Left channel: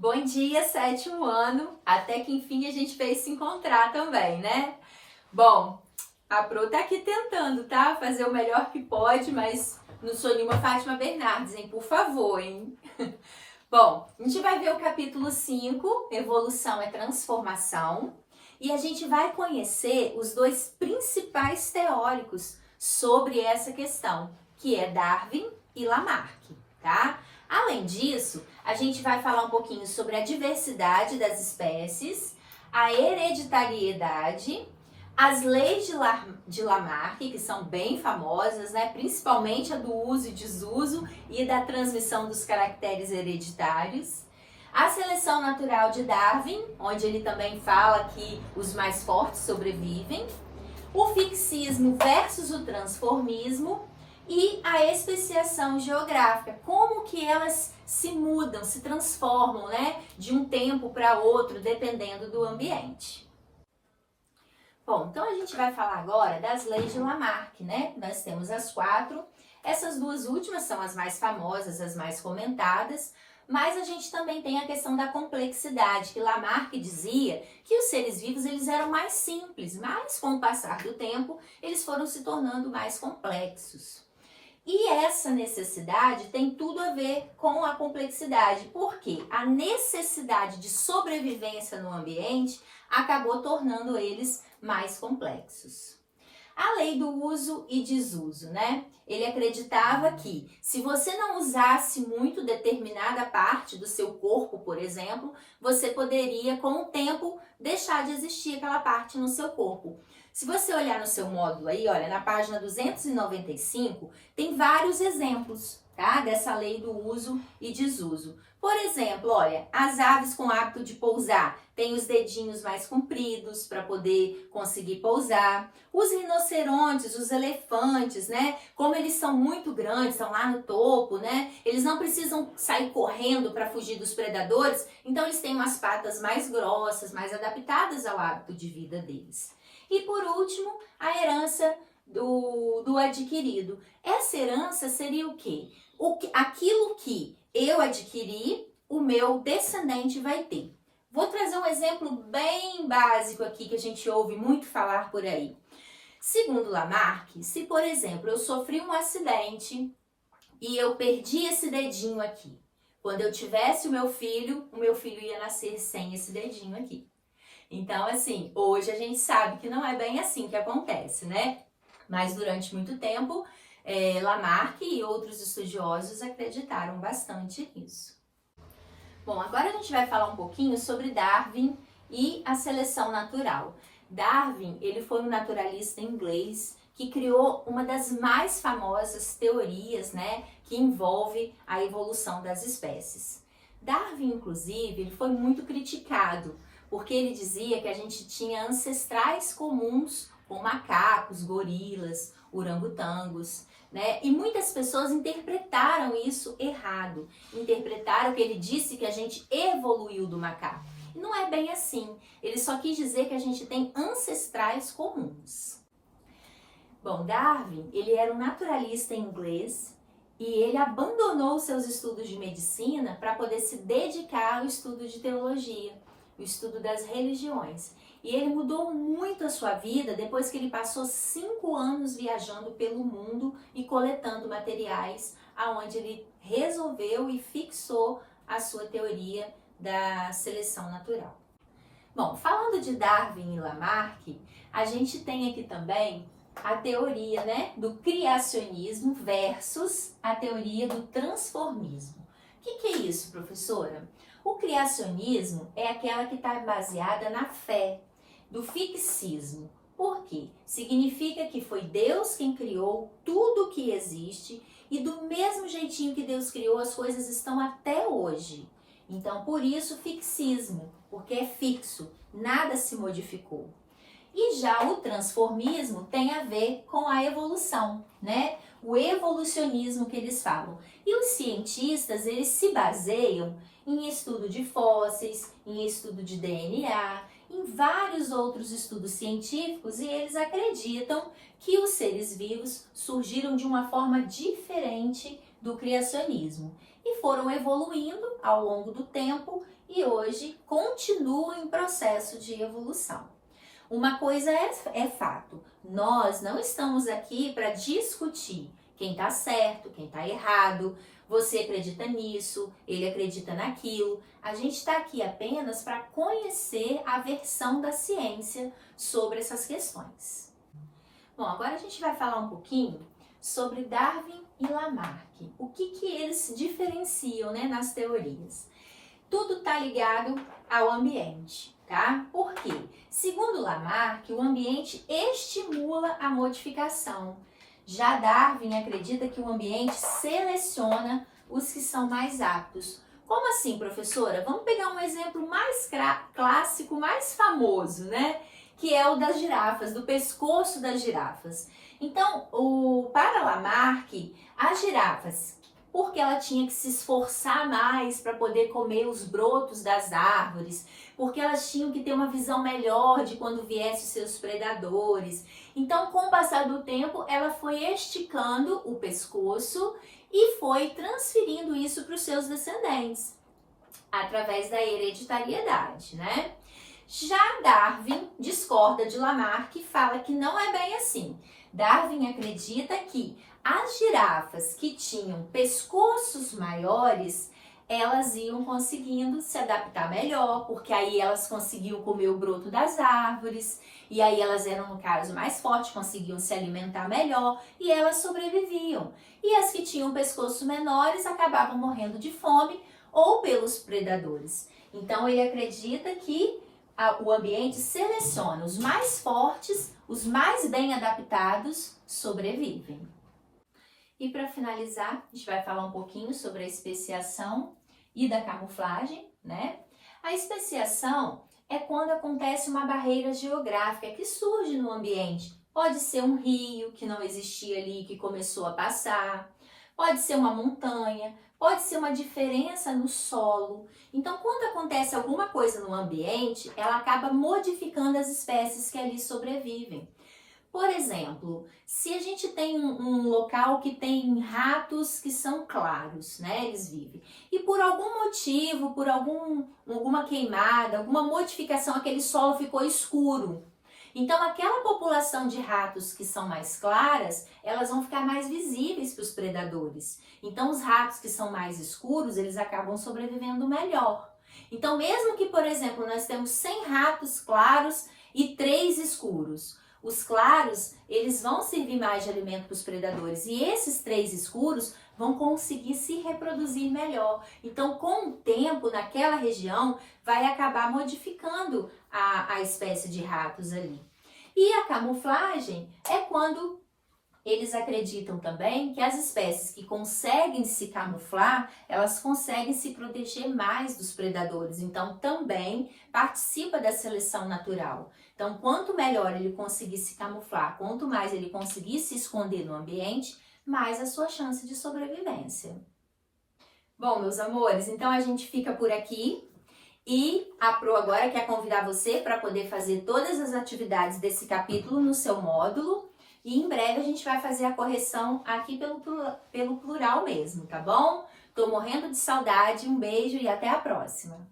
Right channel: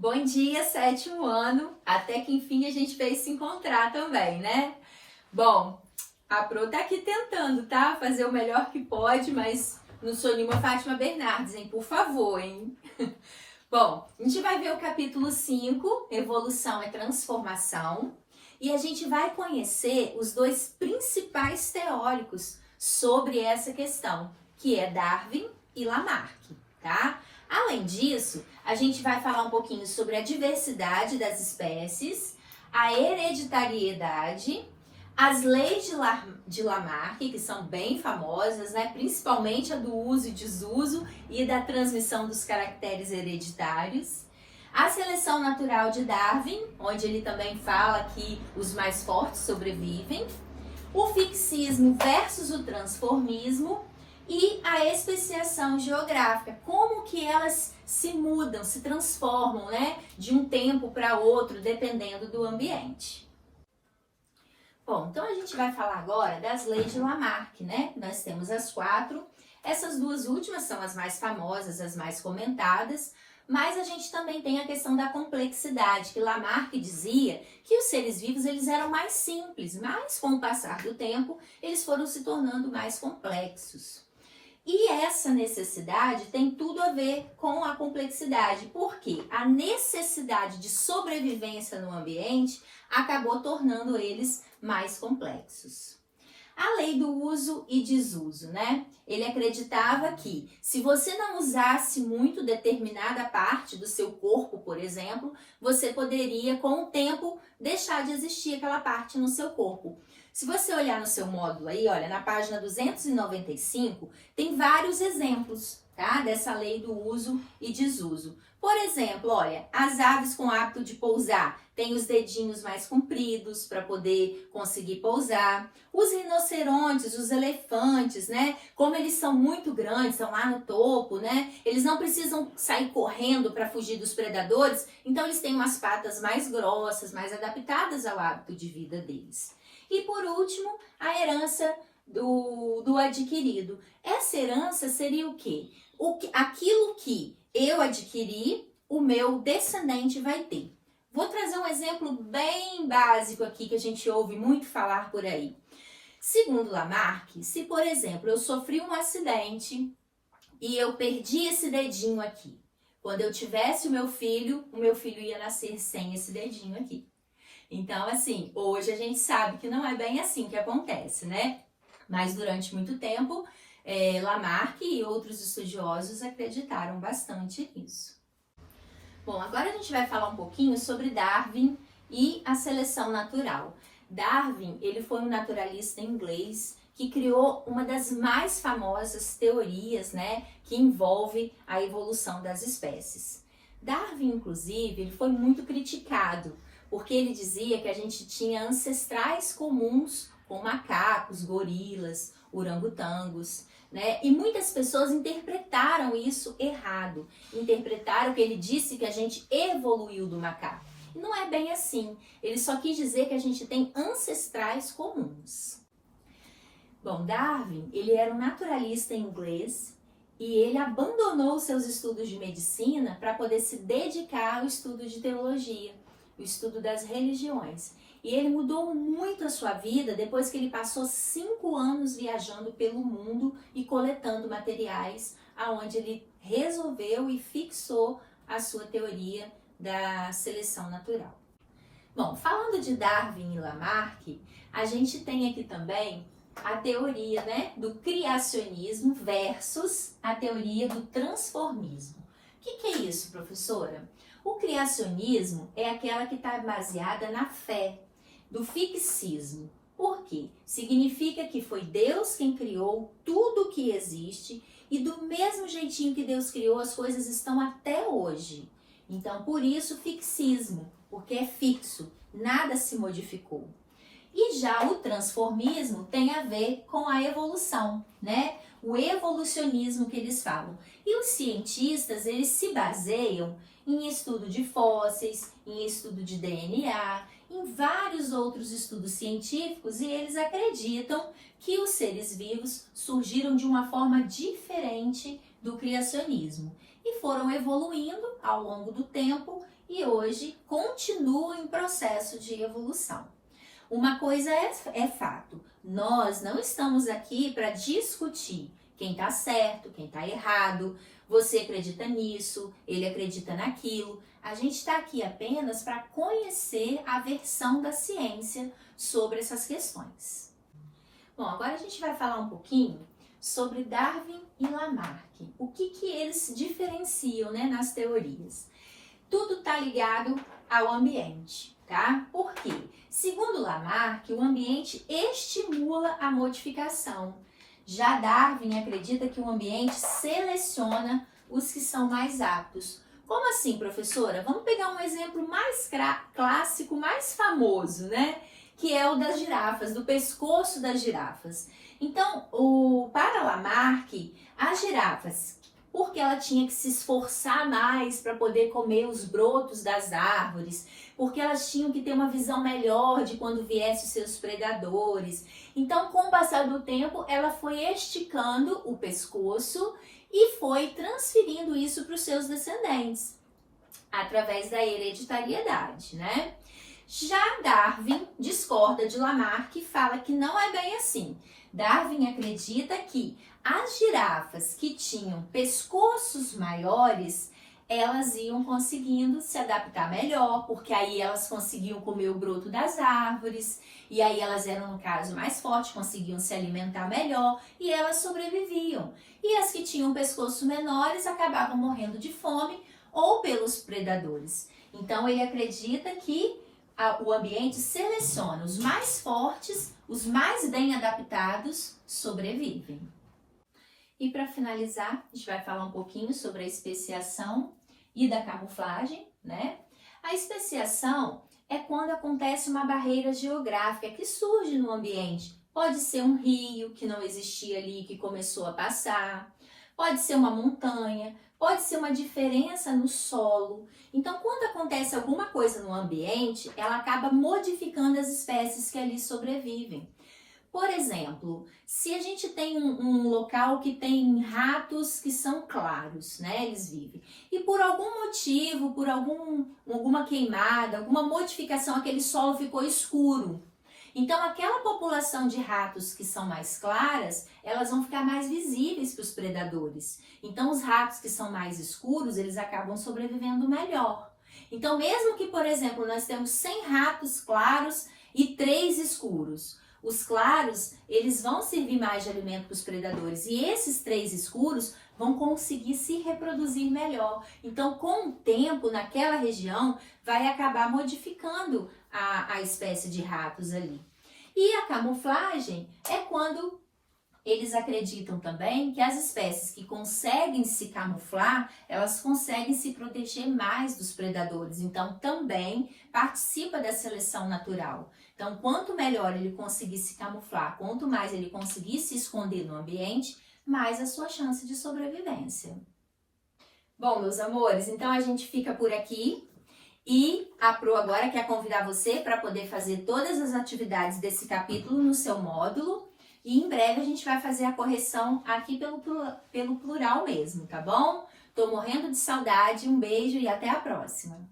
Bom dia, sétimo ano. Até que enfim a gente veio se encontrar também, né? Bom, a Pro tá aqui tentando, tá? Fazer o melhor que pode, mas não sou nenhuma Fátima Bernardes, hein? Por favor, hein? Bom, a gente vai ver o capítulo 5, Evolução é Transformação, e a gente vai conhecer os dois principais teóricos sobre essa questão, que é Darwin e Lamarck, tá? Além disso, a gente vai falar um pouquinho sobre a diversidade das espécies, a hereditariedade, as leis de Lamarck, que são bem famosas, né? Principalmente a do uso e desuso e da transmissão dos caracteres hereditários, a seleção natural de Darwin, onde ele também fala que os mais fortes sobrevivem, o fixismo versus o transformismo e a especiação geográfica, como que elas se mudam, se transformam, né, de um tempo para outro, dependendo do ambiente. Bom, então a gente vai falar agora das leis de Lamarck, né? Nós temos as 4, essas duas últimas são as mais famosas, as mais comentadas, mas a gente também tem a questão da complexidade, que Lamarck dizia que os seres vivos eles eram mais simples, mas com o passar do tempo eles foram se tornando mais complexos. E essa necessidade tem tudo a ver com a complexidade, porque a necessidade de sobrevivência no ambiente acabou tornando eles mais complexos. A lei do uso e desuso, né? Ele acreditava que se você não usasse muito determinada parte do seu corpo, por exemplo, você poderia, com o tempo, deixar de existir aquela parte no seu corpo. Se você olhar no seu módulo aí, olha, na página 295, tem vários exemplos, tá? Dessa lei do uso e desuso. Por exemplo, olha, as aves com hábito de pousar têm os dedinhos mais compridos para poder conseguir pousar. Os rinocerontes, os elefantes, né? Como eles são muito grandes, estão lá no topo, né? Eles não precisam sair correndo para fugir dos predadores, então eles têm umas patas mais grossas, mais adaptadas ao hábito de vida deles. E por último, a herança do adquirido. Essa herança seria o quê? Aquilo que eu adquiri, o meu descendente vai ter. Vou trazer um exemplo bem básico aqui que a gente ouve muito falar por aí. Segundo Lamarck, se por exemplo eu sofri um acidente e eu perdi esse dedinho aqui, quando eu tivesse o meu filho ia nascer sem esse dedinho aqui. Então, assim, hoje a gente sabe que não é bem assim que acontece, né? Mas durante muito tempo, Lamarck e outros estudiosos acreditaram bastante nisso. Bom, agora a gente vai falar um pouquinho sobre Darwin e a seleção natural. Darwin, ele foi um naturalista inglês que criou uma das mais famosas teorias, né, que envolve a evolução das espécies. Darwin, inclusive, ele foi muito criticado, porque ele dizia que a gente tinha ancestrais comuns com macacos, gorilas, orangotangos, né? E muitas pessoas interpretaram isso errado. Interpretaram que ele disse que a gente evoluiu do macaco. Não é bem assim. Ele só quis dizer que a gente tem ancestrais comuns. Bom, Darwin, ele era um naturalista inglês e ele abandonou seus estudos de medicina para poder se dedicar ao estudo de teologia, o estudo das religiões. E ele mudou muito a sua vida depois que ele passou 5 anos viajando pelo mundo e coletando materiais, aonde ele resolveu e fixou a sua teoria da seleção natural. Bom, falando de Darwin e Lamarck, a gente tem aqui também a teoria, né, do criacionismo versus a teoria do transformismo. O que é isso, professora? O criacionismo é aquela que está baseada na fé, do fixismo. Por quê? Significa que foi Deus quem criou tudo o que existe e do mesmo jeitinho que Deus criou, as coisas estão até hoje. Então, por isso, fixismo, porque é fixo, nada se modificou. E já o transformismo tem a ver com a evolução, né? O evolucionismo que eles falam. E os cientistas, eles se baseiam em estudo de fósseis, em estudo de DNA, em vários outros estudos científicos, e eles acreditam que os seres vivos surgiram de uma forma diferente do criacionismo. e foram evoluindo ao longo do tempo e hoje continuam em processo de evolução. Uma coisa é fato, nós não estamos aqui para discutir quem está certo, quem está errado, você acredita nisso, ele acredita naquilo. A gente está aqui apenas para conhecer a versão da ciência sobre essas questões. Bom, agora a gente vai falar um pouquinho sobre Darwin e Lamarck. O que eles diferenciam, né, nas teorias? Tudo está ligado ao ambiente, tá? Por quê? Segundo Lamarck, o ambiente estimula a modificação. Já Darwin acredita que o ambiente seleciona os que são mais aptos. Como assim, professora? Vamos pegar um exemplo mais clássico, mais famoso, né? Que é o das girafas, do pescoço das girafas. Então, para Lamarck, as girafas, porque ela tinha que se esforçar mais para poder comer os brotos das árvores, porque elas tinham que ter uma visão melhor de quando viessem os seus predadores. Então, com o passar do tempo, ela foi esticando o pescoço e foi transferindo isso para os seus descendentes, através da hereditariedade, né? Já Darwin discorda de Lamarck e fala que não é bem assim. Darwin acredita que as girafas que tinham pescoços maiores, elas iam conseguindo se adaptar melhor, porque aí elas conseguiam comer o broto das árvores, e aí elas eram, no caso, mais fortes, conseguiam se alimentar melhor, e elas sobreviviam. E as que tinham pescoços menores acabavam morrendo de fome ou pelos predadores. Então, ele acredita que o ambiente seleciona os mais fortes, os mais bem adaptados sobrevivem. E para finalizar, a gente vai falar um pouquinho sobre a especiação e da camuflagem, né? A especiação é quando acontece uma barreira geográfica que surge no ambiente. Pode ser um rio que não existia ali, que começou a passar, pode ser uma montanha, pode ser uma diferença no solo. Então, quando acontece alguma coisa no ambiente, ela acaba modificando as espécies que ali sobrevivem. Por exemplo, se a gente tem um local que tem ratos que são claros, né? Eles vivem. E por algum motivo, por alguma queimada, alguma modificação, aquele solo ficou escuro. Então, aquela população de ratos que são mais claras, elas vão ficar mais visíveis para os predadores. Então, os ratos que são mais escuros, eles acabam sobrevivendo melhor. Então, mesmo que, por exemplo, nós temos 100 ratos claros e 3 escuros, os claros, eles vão servir mais de alimento para os predadores e esses 3 escuros vão conseguir se reproduzir melhor. Então, com o tempo, naquela região, vai acabar modificando a espécie de ratos ali. E a camuflagem é quando eles acreditam também que as espécies que conseguem se camuflar, elas conseguem se proteger mais dos predadores. Então, também participa da seleção natural. Então, quanto melhor ele conseguir se camuflar, quanto mais ele conseguir se esconder no ambiente, mais a sua chance de sobrevivência. Bom, meus amores, então a gente fica por aqui. E a Pro agora quer convidar você para poder fazer todas as atividades desse capítulo no seu módulo. E em breve a gente vai fazer a correção aqui pelo plural mesmo, tá bom? Tô morrendo de saudade, um beijo e até a próxima!